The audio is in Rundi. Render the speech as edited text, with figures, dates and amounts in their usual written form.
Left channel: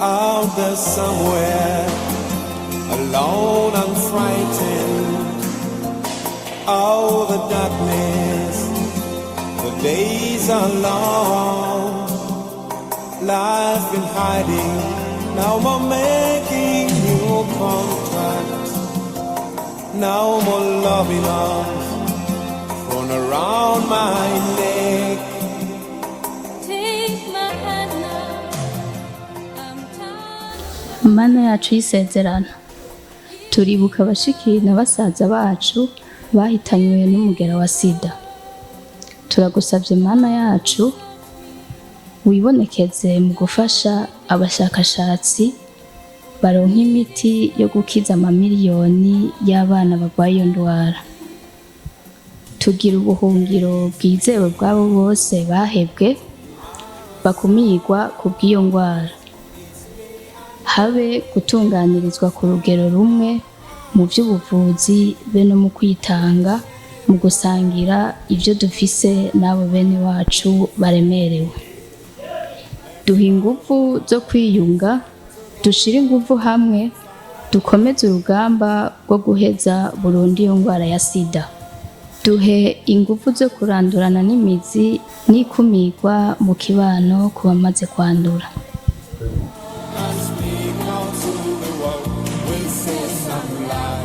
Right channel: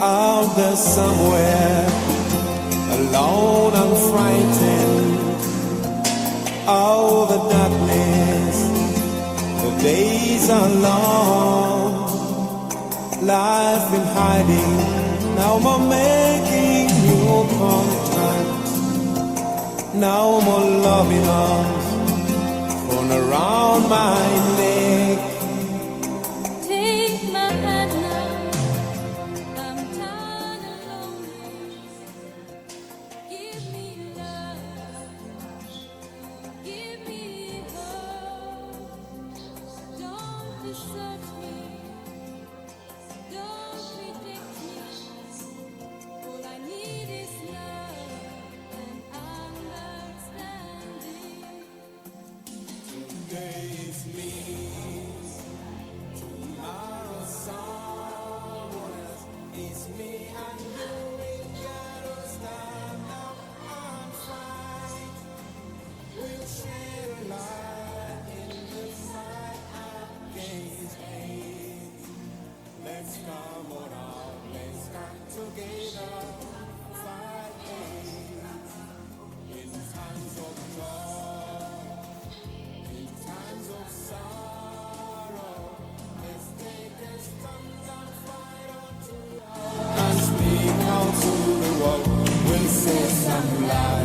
out there somewhere, alone and frightened. Oh, the darkness, the days are long. Life in hiding, now I'm making new contact. Now more loving arms thrown around my neck. Mana yacu y'isezerano, turibuka abashiki na basaza bacu bahitanywe n'umugera wa SIDA. Turagusabye Mana yacu wibonekeze mu gufasha abashakashatsi baronka imiti yo gukiza amamiliyoni y'abana barwaye iyo ndwara. Tugira ubuhungiro bwizewe bw'abo bose bahebwe bakumirwa ku bw'iyo ndwara. Habe gutunganirizwa ku rugero rumwe mu by'ubuvuzi be no mu kwitanga mu gusangira ibyo dufise n'abo bene wacu baremerewe. Duha ingufu zo kwiyunga, dushire ingufu hamwe, dukomeze urugamba rwo guheza burundu iyo ndwara ya SIDA. Duhe ingufu zo kurandurana n'imizi n'ikumirwa mu kibano ku bamaze kwandura. And speak out to the world, we'll say something loud.